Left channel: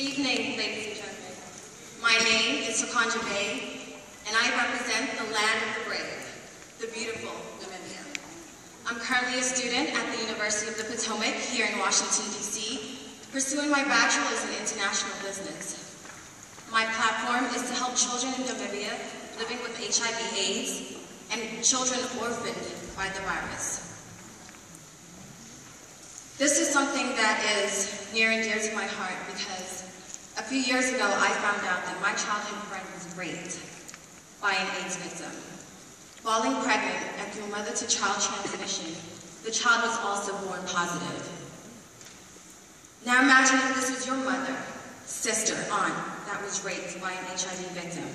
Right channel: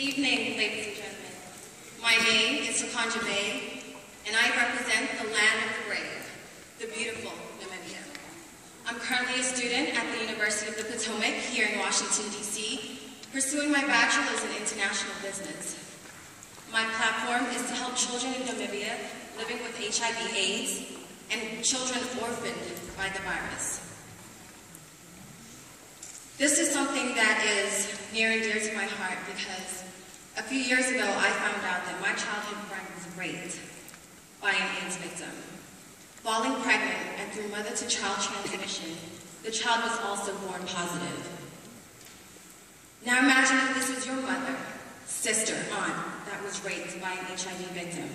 evening, ladies and gentlemen. My name is Kondja Veii, and I represent the land of the brave, the beautiful Namibia. I'm currently a student at the University of the Potomac here in Washington, D.C., pursuing my bachelor's in international business. My platform is to help children in Namibia living with HIV/AIDS and children orphaned by the virus. This is something that is near and dear to my heart because a few years ago I found out that my childhood friend was raped by an AIDS victim. Falling pregnant and through mother-to-child transmission, the child was also born positive. Now imagine if this was your mother, sister, aunt that was raped by an HIV victim.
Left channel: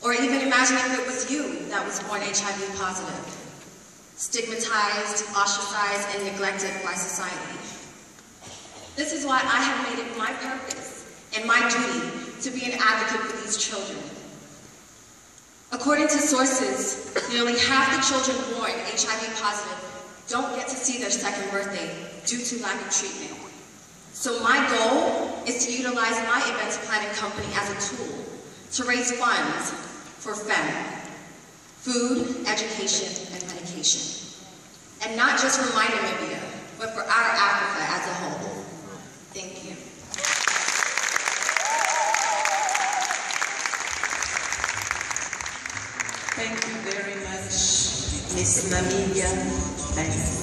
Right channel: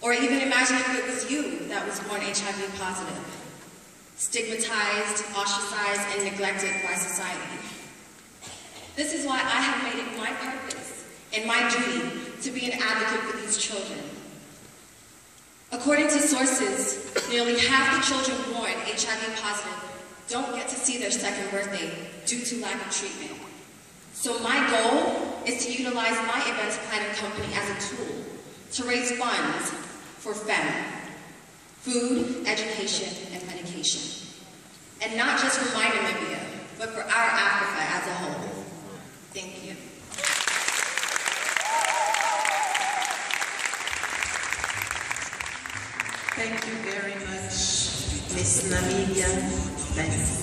Or even imagine if it was you that was born HIV positive, stigmatized, ostracized, and neglected by society. This is why I have made it my purpose and my duty to be an advocate for these children. According to sources, nearly half the children born HIV positive don't get to see their second birthday due to lack of treatment. So my goal is to utilize my events planning company as a tool to raise funds for FEM, food, education, and medication. And not just for my Namibia, but for our Africa as a whole. Thank you. Thank you very much, Miss Namibia. Thanks.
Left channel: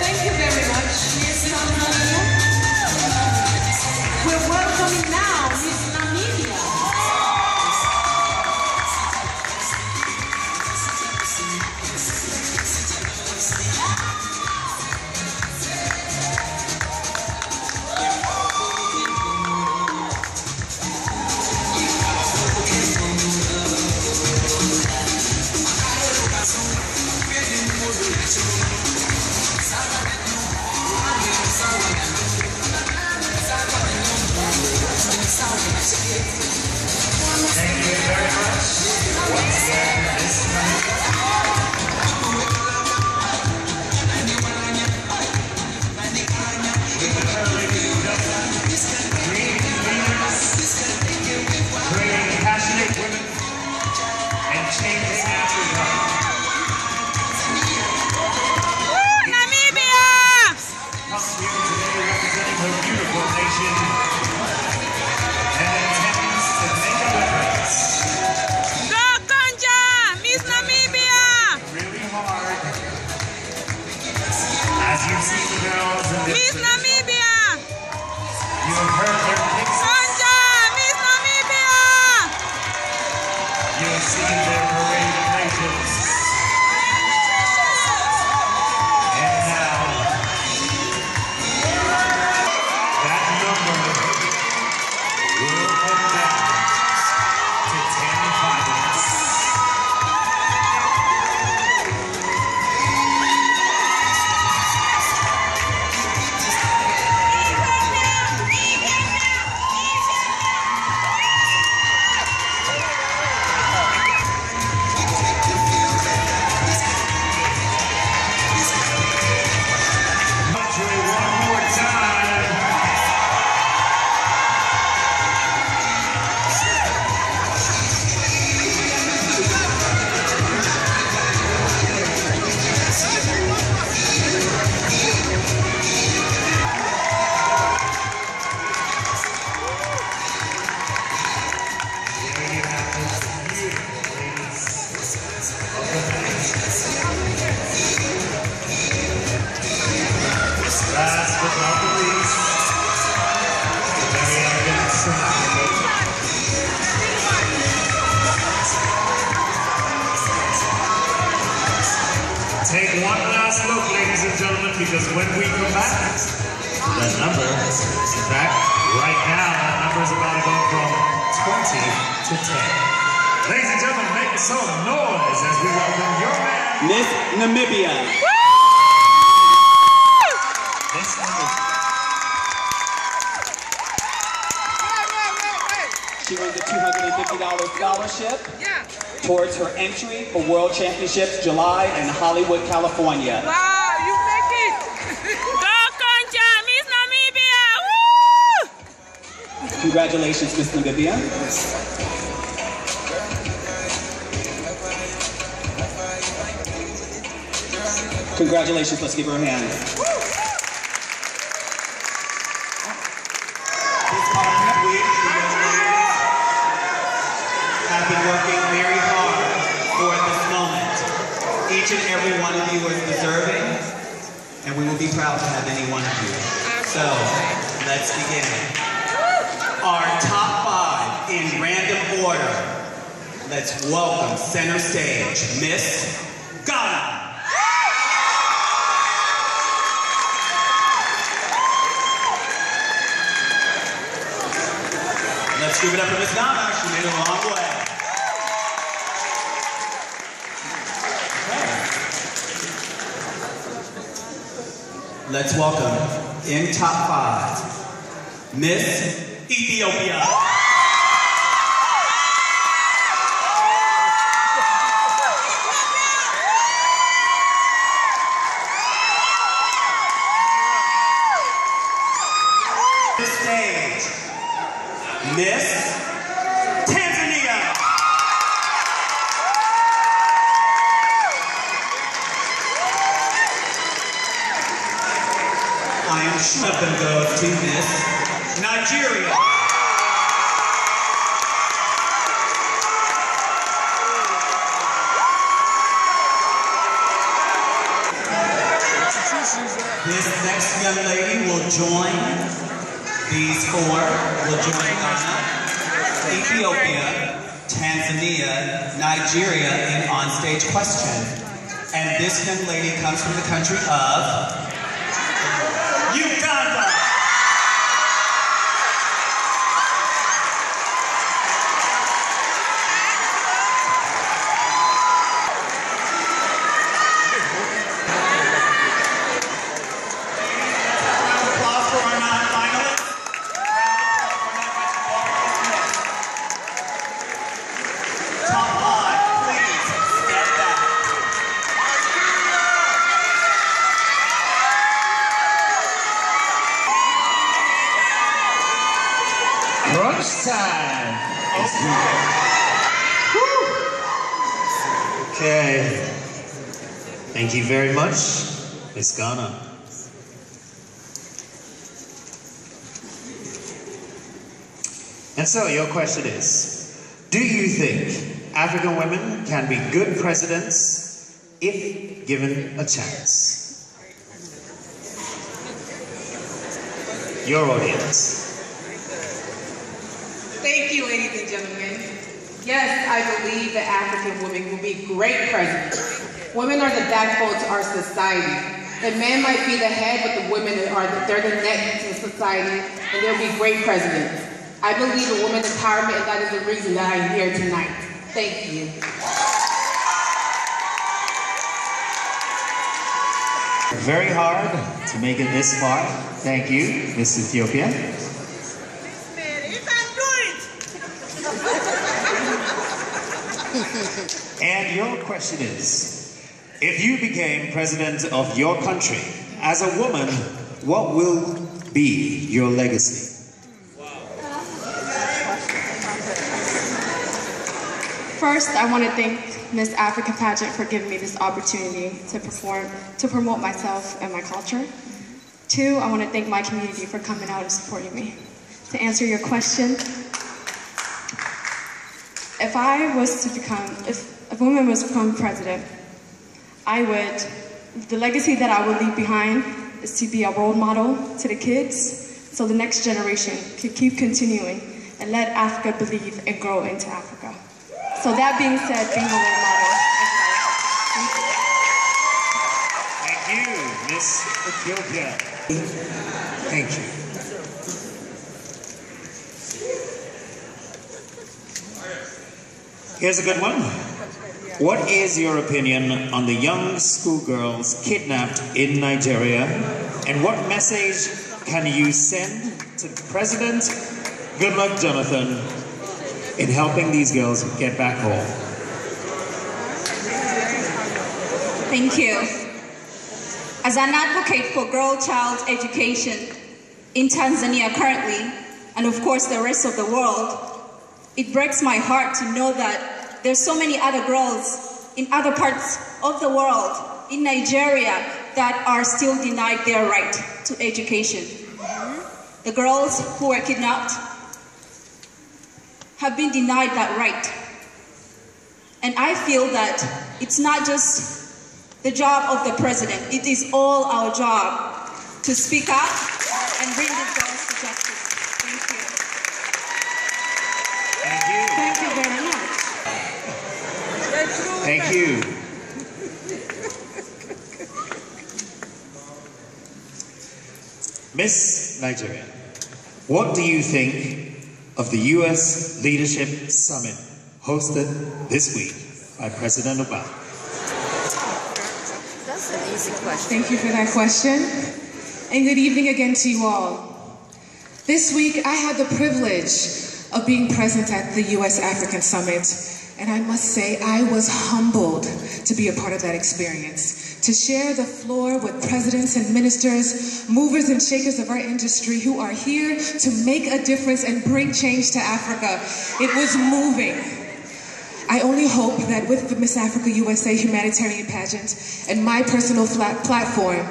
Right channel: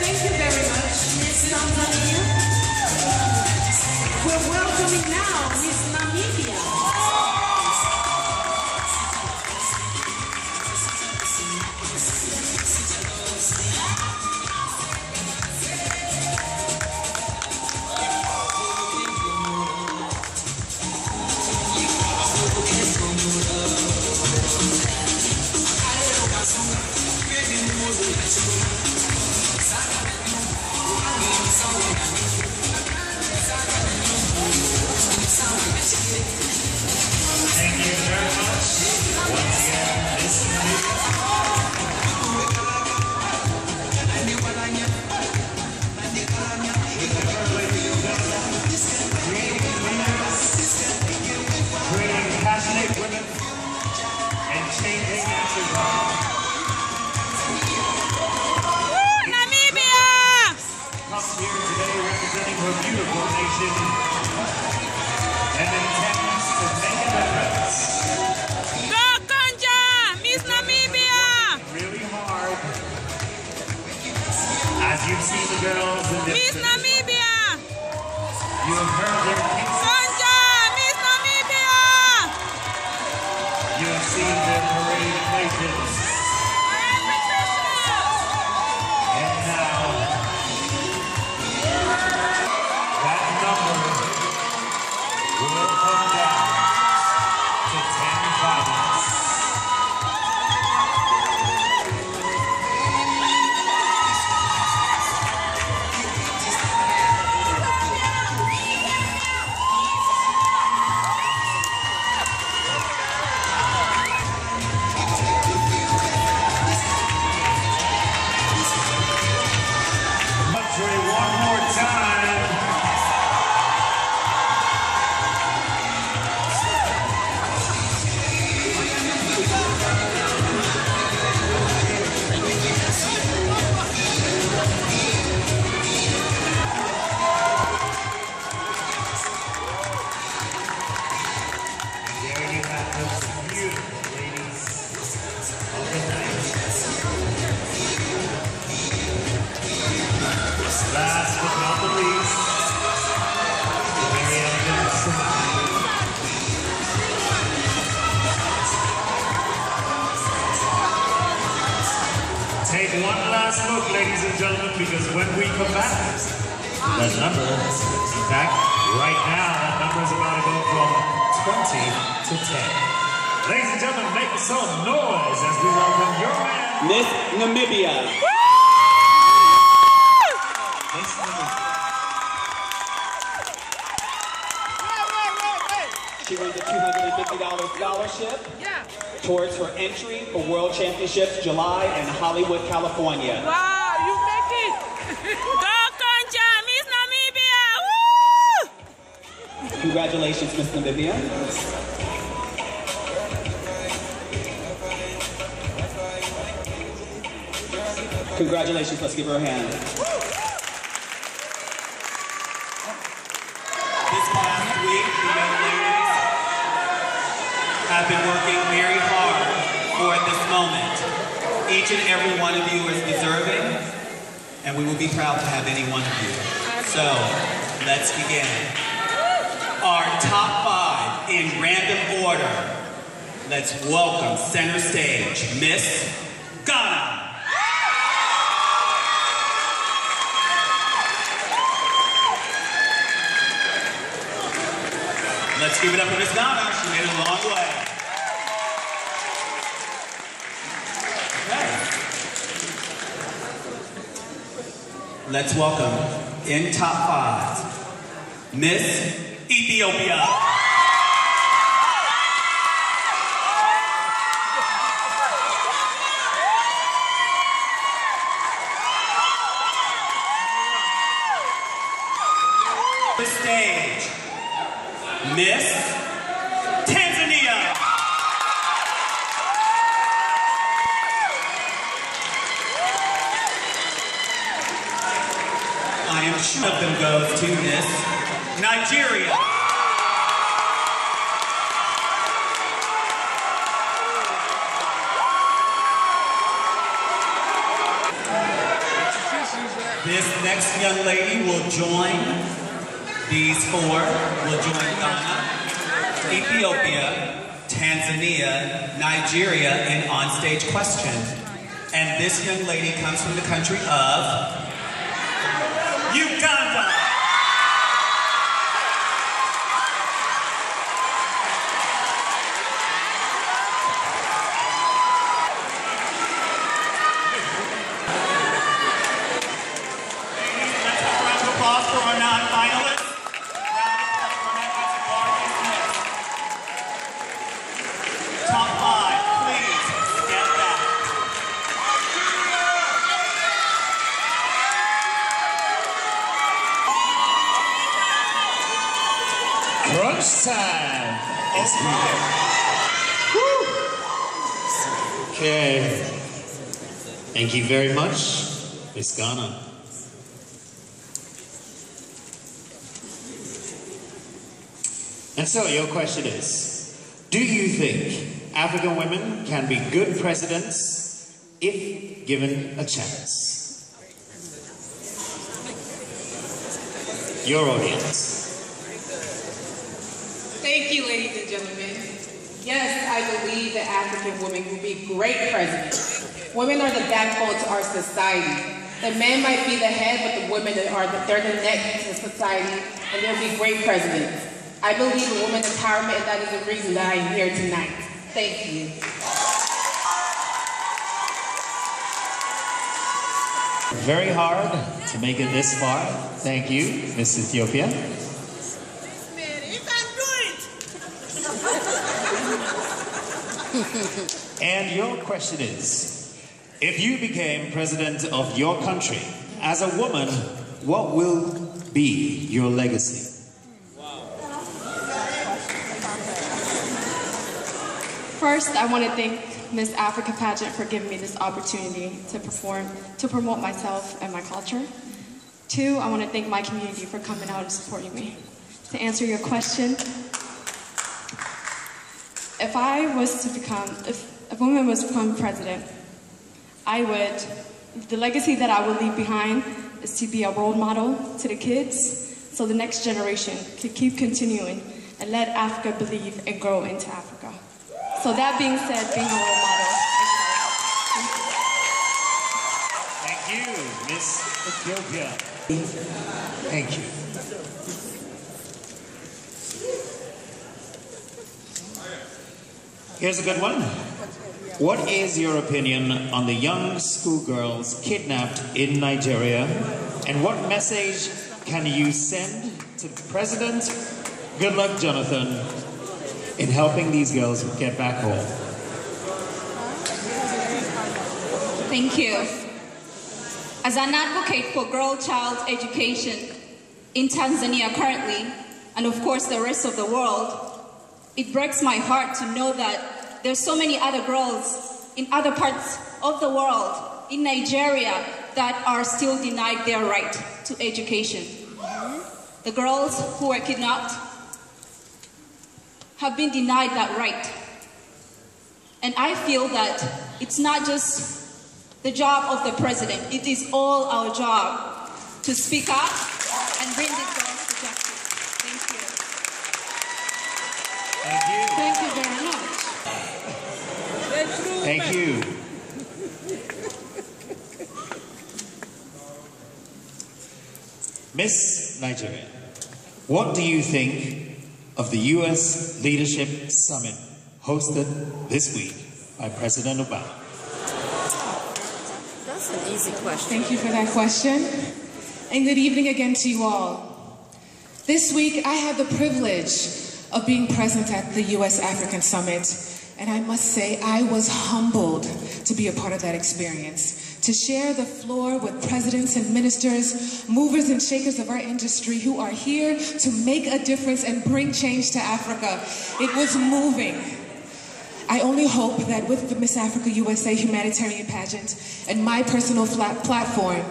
Thank you very much, Miss Namibia. We're welcoming now Miss Namibia. Thank you very much. Once again, Miss Namibia. Creating passionate women and changing Africa. Namibia! Comes here today representing her beautiful nation and intends to make a difference. Go Kondja! Miss Namibia! Really hard. As you see the girls in this Miss Namibia! you have heard their kicks. Kondja! Miss Namibia! You have seen their parade of nations. And now, that number will come down to 10 fighters. One more time. There you have the beautiful ladies of the night. Last but not the least, the very elegant Strathmore. Take one last look, ladies and gentlemen, because when we come back, the number, in fact, right now, that number is about to go from 20 to 10. Ladies and gentlemen, make some noise as we welcome your man, Miss Namibia. She wins a $250 scholarship towards her entry for World Championships July in Hollywood, California. Wow, you make it Congratulations, Miss Namibia. Congratulations, let's give her a hand. This past week, the young ladies have been working very hard for this moment. Each and every one of you is deserving, and we will be proud to have any one of you. So, let's begin. Our top 5 in random order. Let's welcome center stage, Miss Ghana. Let's give it up for Miss Ghana. She made it a long way. Okay. Let's welcome, in top 5, Miss Ethiopia. The stage, Miss Tanzania. I am sure of them goes to Miss Nigeria. This next young lady will join, these 4 will join Ghana, Ethiopia, Tanzania, Nigeria in onstage question. And this young lady comes from the country of Uganda. Crunch time! It's here. Okay. Thank you very much, Miss Ghana. And so your question is, do you think African women can be good presidents if given a chance? Your audience. Thank you, ladies and gentlemen. Yes, I believe that African women will be great presidents. Women are the backbone to our society. The men might be the head, but the women they're the neck to society, and they'll be great presidents. I believe in women empowerment, and that is the reason that I am here tonight. Thank you. Very hard to make it this far. Thank you, Miss Ethiopia. And your question is, if you became president of your country as a woman, what will be your legacy? First, I want to thank Miss Africa Pageant for giving me this opportunity to promote myself and my culture. 2, I want to thank my community for coming out and supporting me. To answer your question, if a woman was to become president, the legacy that I would leave behind is to be a role model to the kids so the next generation can keep continuing and let Africa believe and grow into Africa. So that being said, being a role model. Thank you, Miss Ethiopia. Thank you. Here's a good one. What is your opinion on the young schoolgirls kidnapped in Nigeria, and what message can you send to President Goodluck Jonathan in helping these girls get back home? Thank you. As an advocate for girl child education in Tanzania currently, and of course the rest of the world, it breaks my heart to know that there's so many other girls in other parts of the world, in Nigeria, that are still denied their right to education. The girls who were kidnapped have been denied that right. And I feel that it's not just the job of the president, it is all our job to speak up and bring these girls to justice. Thank you. Thank you. Thank you very much. Thank you. Miss Nigeria, what do you think of the U.S. Leadership Summit hosted this week by President Obama? That's an easy question. Thank you for that question. And good evening again to you all. This week, I had the privilege of being present at the U.S. African Summit. And I must say, I was humbled to be a part of that experience. To share the floor with presidents and ministers, movers and shakers of our industry who are here to make a difference and bring change to Africa. It was moving. I only hope that with the Miss Africa USA humanitarian pageant and my personal platform,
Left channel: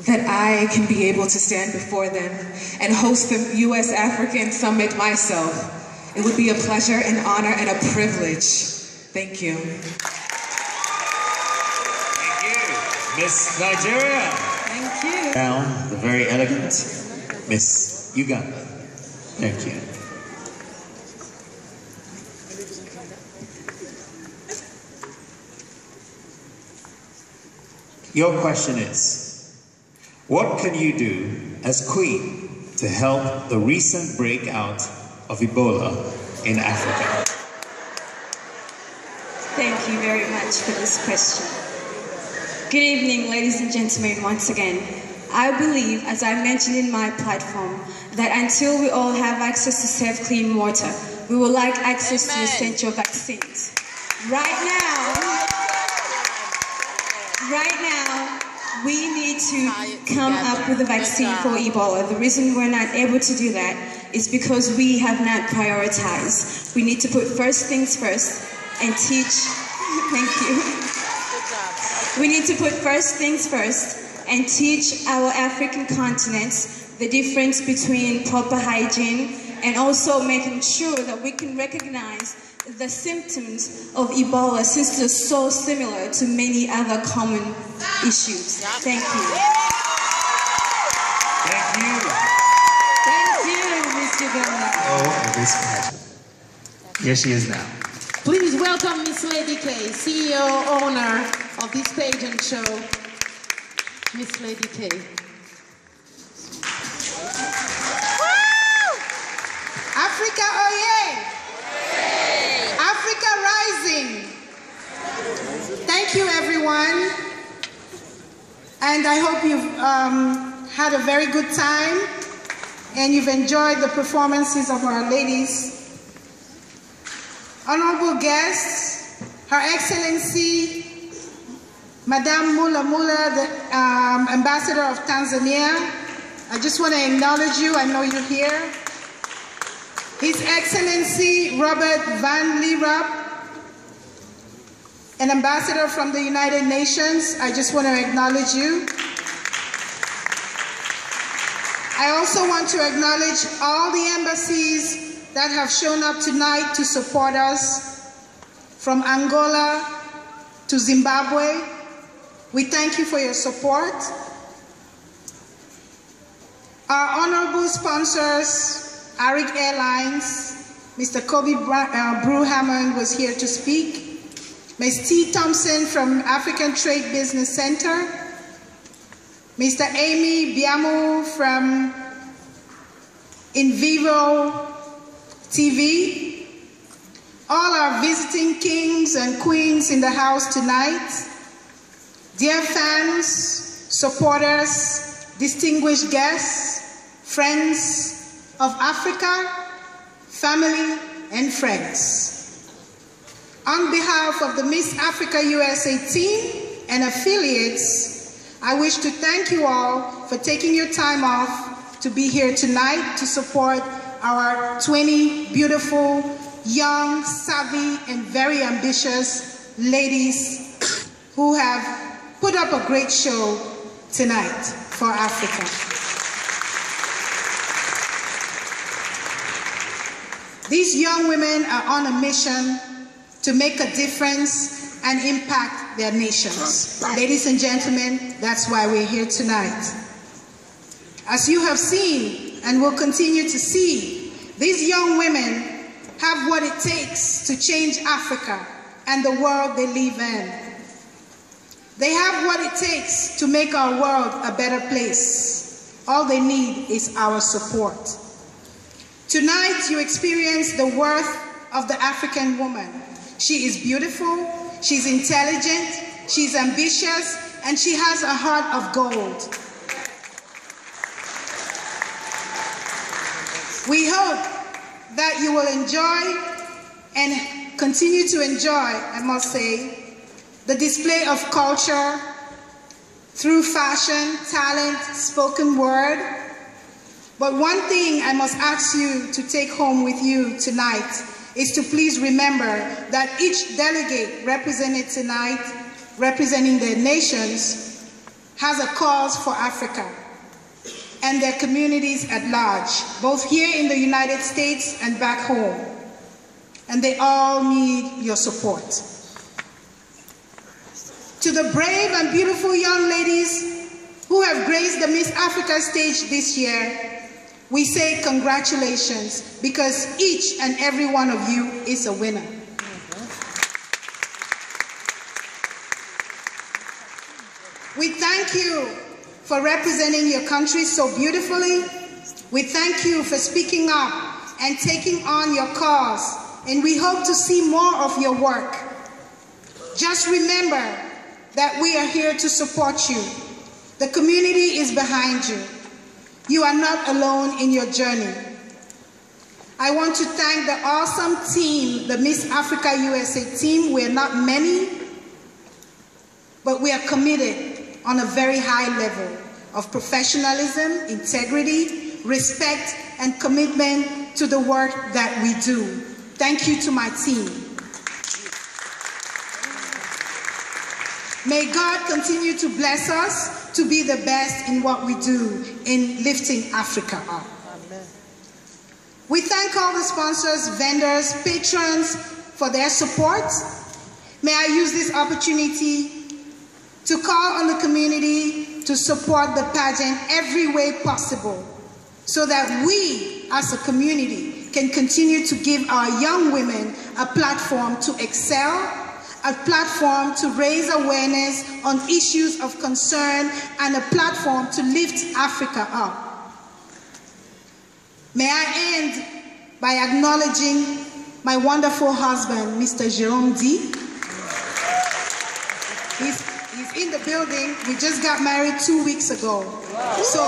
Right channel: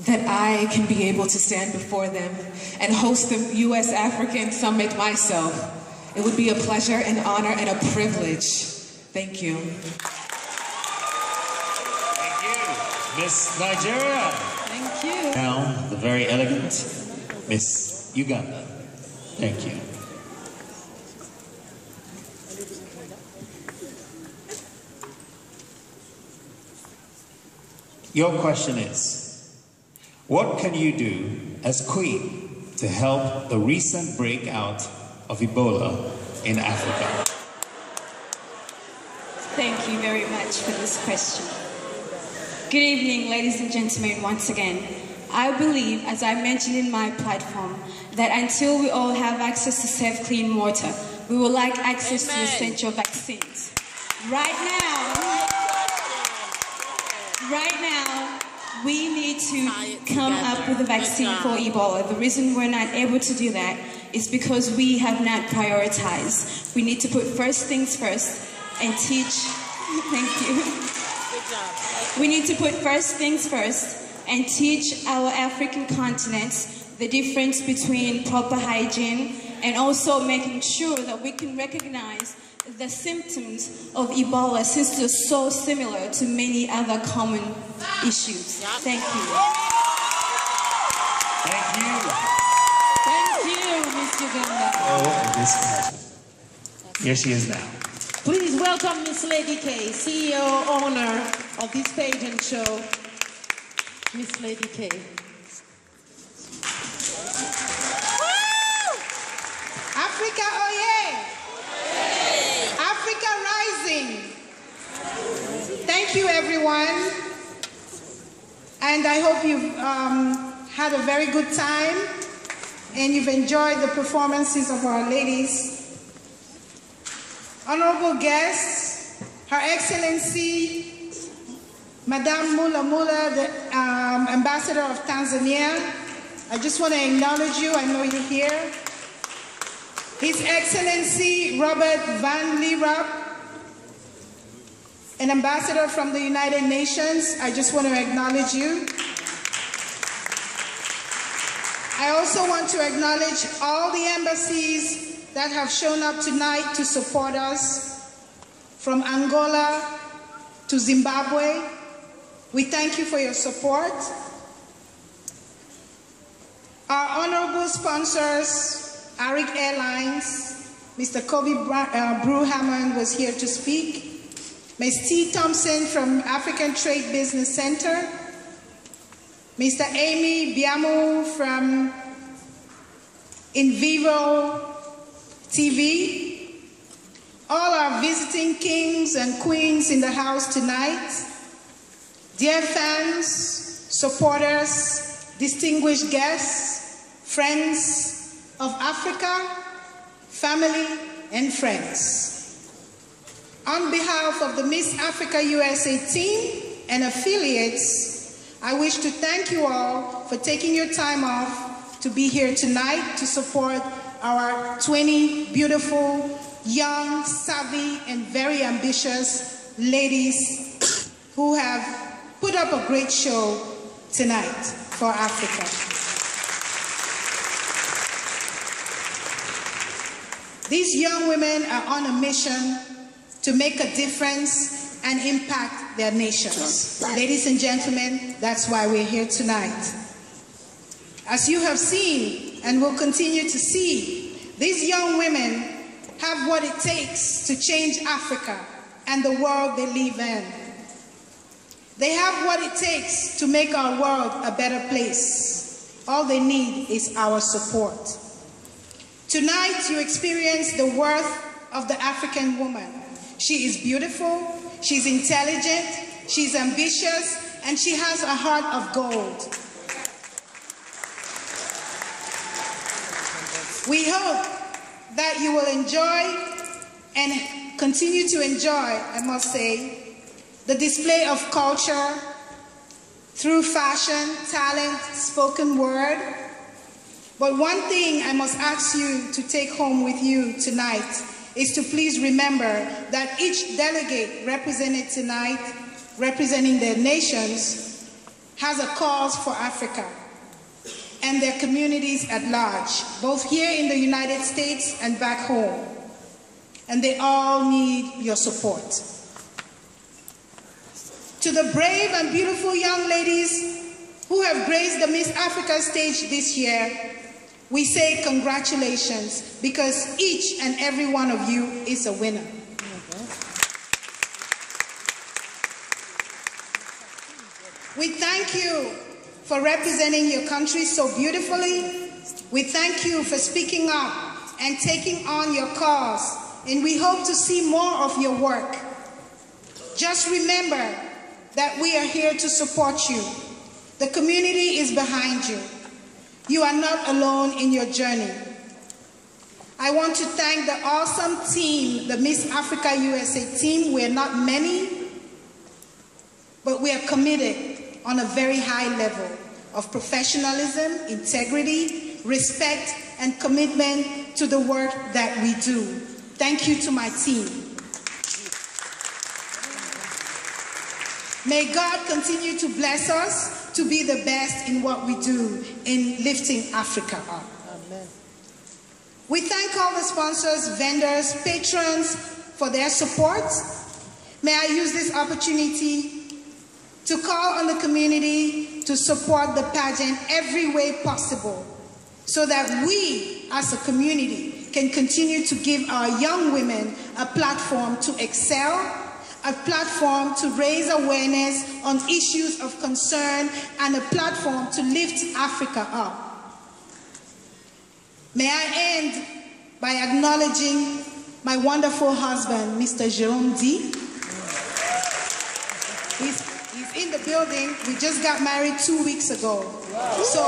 that I can be able to stand before them and host the U.S. African Summit myself. It would be a pleasure, an honor, and a privilege. Thank you. Thank you, Miss Nigeria. Thank you. Now, the very elegant Miss Uganda. Thank you. Your question is, what can you do as Queen to help the recent breakout of Ebola in Africa? Thank you very much for this question. Good evening, ladies and gentlemen, once again. I believe, as I mentioned in my platform, that until we all have access to safe, clean water, we will lack access to essential vaccines. Right now, we need to come up with a vaccine for Ebola. The reason we're not able to do that is because we have not prioritized. We need to put first things first and teach, thank you. We need to put first things first and teach our African continents the difference between proper hygiene and also making sure that we can recognize the symptoms of Ebola, since they're so similar to many other common issues. Thank you. Thank you. Thank you, Miss Uganda. Oh, this pageant. Here she is now. Please welcome Miss Lady K, CEO, owner of this pageant show, Miss Lady K. Africa, oye! Africa rising! Thank you, everyone. And I hope you've had a very good time and you've enjoyed the performances of our ladies. Honorable guests, Her Excellency, Madame Mula Mula, the Ambassador of Tanzania. I just want to acknowledge you, I know you're here. His Excellency Robert Van Lierop, an ambassador from the United Nations. I just want to acknowledge you. I also want to acknowledge all the embassies that have shown up tonight to support us, from Angola to Zimbabwe. We thank you for your support. Our honorable sponsors, Arik Airlines, Mr. Kobe Brew-Hammond was here to speak. Ms. T. Thompson from African Trade Business Center. Mr. Amy Biamo from In Vivo TV. All our visiting kings and queens in the house tonight. Dear fans, supporters, distinguished guests, friends of Africa, family, and friends. On behalf of the Miss Africa USA team and affiliates, I wish to thank you all for taking your time off to be here tonight to support our 20 beautiful, young, savvy, and very ambitious ladies who have put up a great show tonight for Africa. These young women are on a mission to make a difference and impact their nations. Ladies and gentlemen, that's why we're here tonight. As you have seen and will continue to see, these young women have what it takes to change Africa and the world they live in. They have what it takes to make our world a better place. All they need is our support. Tonight, you experience the worth of the African woman. She is beautiful, she's intelligent, she's ambitious, and she has a heart of gold. We hope that you will enjoy and continue to enjoy, I must say, the display of culture through fashion, talent, spoken word. But one thing I must ask you to take home with you tonight is to please remember that each delegate represented tonight, representing their nations, has a cause for Africa and their communities at large, both here in the United States and back home. And they all need your support. To the brave and beautiful young ladies who have graced the Miss Africa stage this year, we say congratulations, because each and every one of you is a winner. We thank you for representing your country so beautifully. We thank you for speaking up and taking on your cause, and we hope to see more of your work. Just remember that we are here to support you. The community is behind you. You are not alone in your journey. I want to thank the awesome team, the Miss Africa USA team. We're not many, but we are committed on a very high level of professionalism, integrity, respect, and commitment to the work that we do. Thank you to my team. May God continue to bless us to be the best in what we do in lifting Africa up. Amen. We thank all the sponsors, vendors, patrons for their support. May I use this opportunity to call on the community to support the pageant every way possible, so that we as a community can continue to give our young women a platform to excel, a platform to raise awareness on issues of concern, and a platform to lift Africa up. May I end by acknowledging my wonderful husband, Mr. Jerome D. He's in the building. We just got married 2 weeks ago. So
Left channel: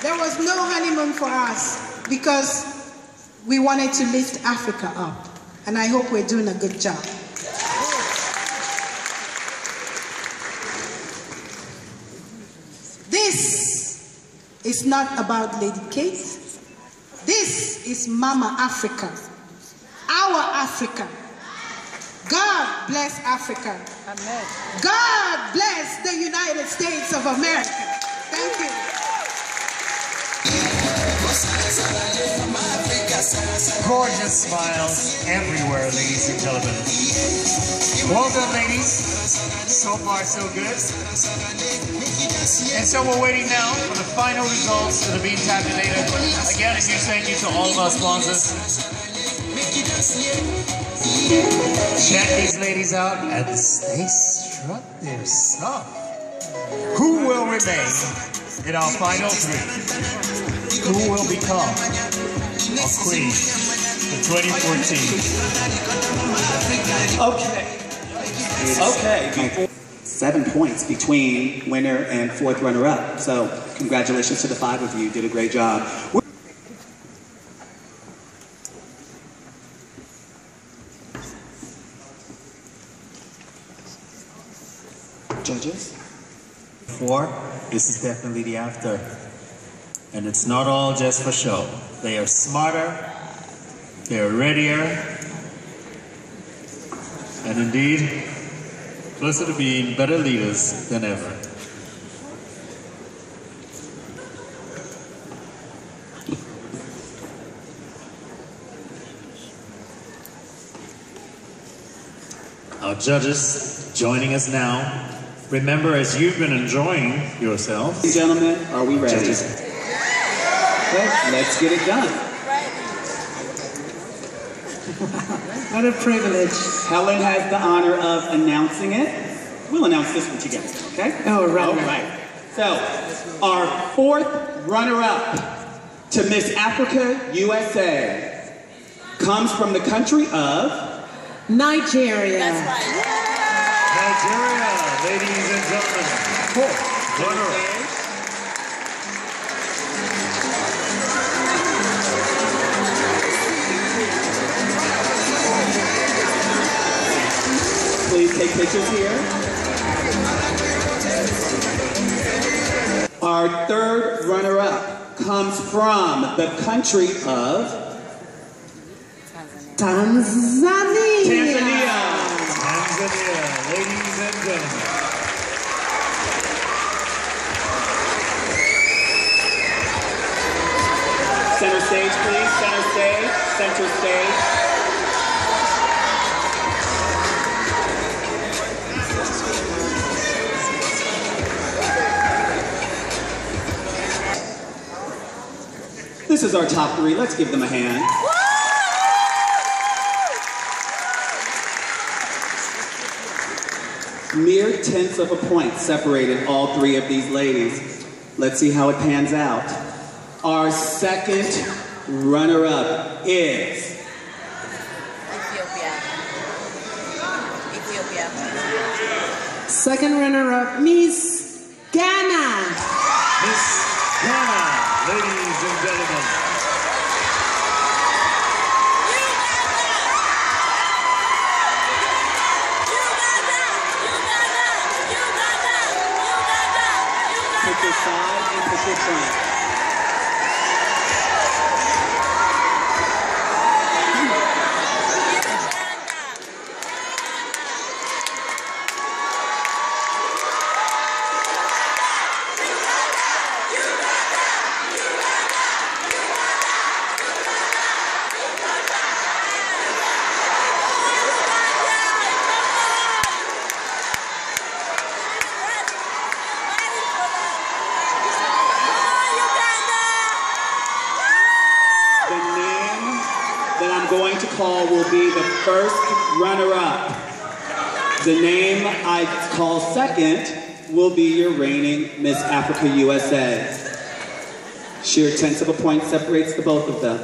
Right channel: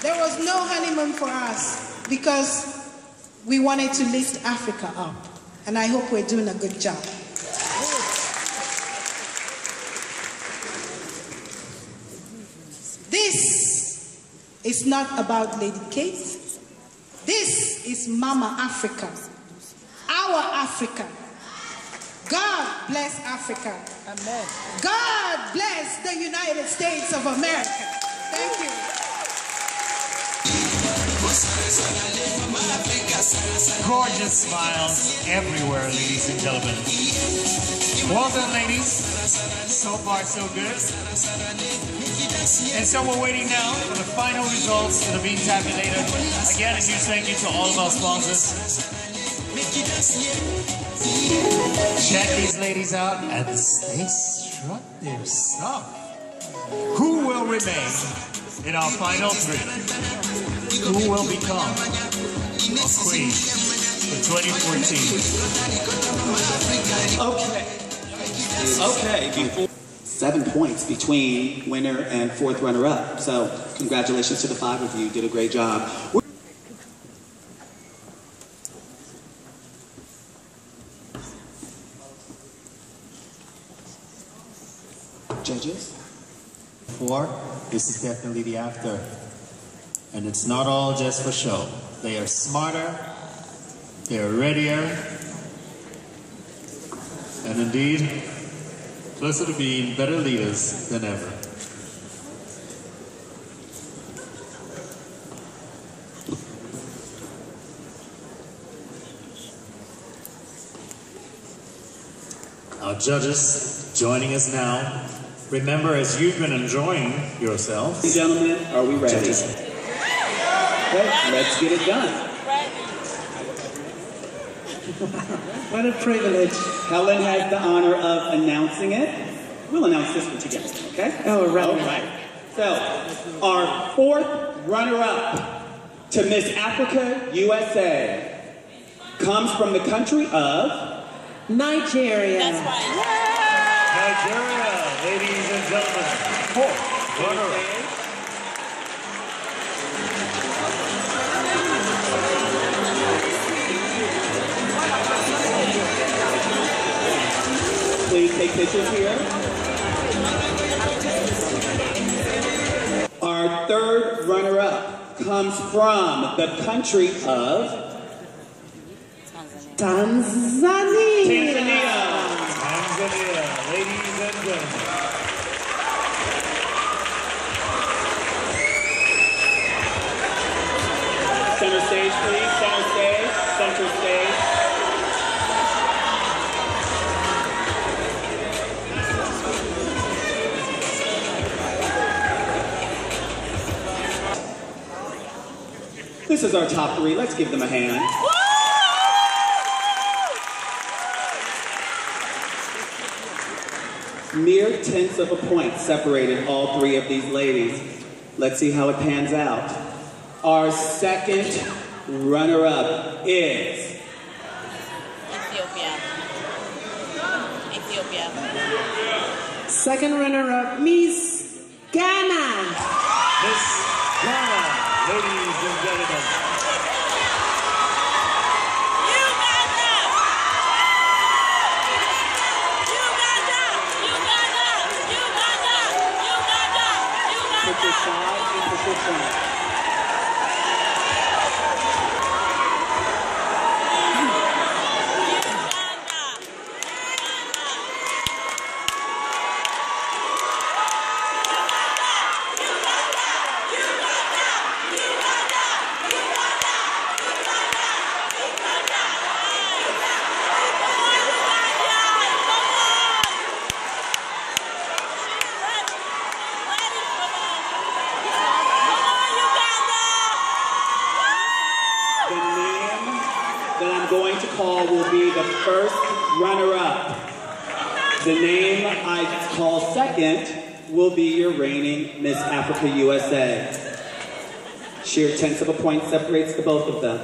there was no honeymoon for us because we wanted to lift Africa up. And I hope we're doing a good job. This is not about Lady Kate. This is Mama Africa, our Africa. God bless Africa. Amen. God bless the United States of America. Thank you. Gorgeous smiles everywhere, ladies and gentlemen. Well done, ladies. So far, so good. And so we're waiting now for the final results that are being tabulated. Again, a huge thank you to all of our sponsors. Check these ladies out as they strut their stuff. Who will remain in our final three? Who will become a queen in 2014? Okay. 7 points between winner and fourth runner-up. So congratulations to the 5 of you. You did a great job. Judges? 4, this is definitely the after. And it's not all just for show. They are smarter, they are readier, and indeed, closer to being better leaders than ever. Our judges joining us now. Remember, as you've been enjoying yourselves. Ladies and gentlemen, are we ready? Judges. Okay, let's get it done. What a privilege. Helen has the honor of announcing it. We'll announce this one together, okay? Oh, right. All right. So, our fourth runner-up to Miss Africa USA comes from the country of Nigeria. That's right. Nigeria, ladies and gentlemen. Fourth runner-up. Please take pictures here. Our third runner-up comes from the country of Tanzania. Tanzania. Tanzania, ladies and gentlemen. Center stage, please. Center stage. Center stage. This is our top three. Let's give them a hand. Mere tenths of a point separated all three of these ladies. Let's see how it pans out. Our second runner-up is Ethiopia. Second runner-up, Miss Ghana. Miss Ghana, ladies and gentlemen. pick your side and pick your front. Going to call will be the first runner-up. The name I call second will be your reigning Miss Africa USA. Sheer tenths of a point separates the both of them.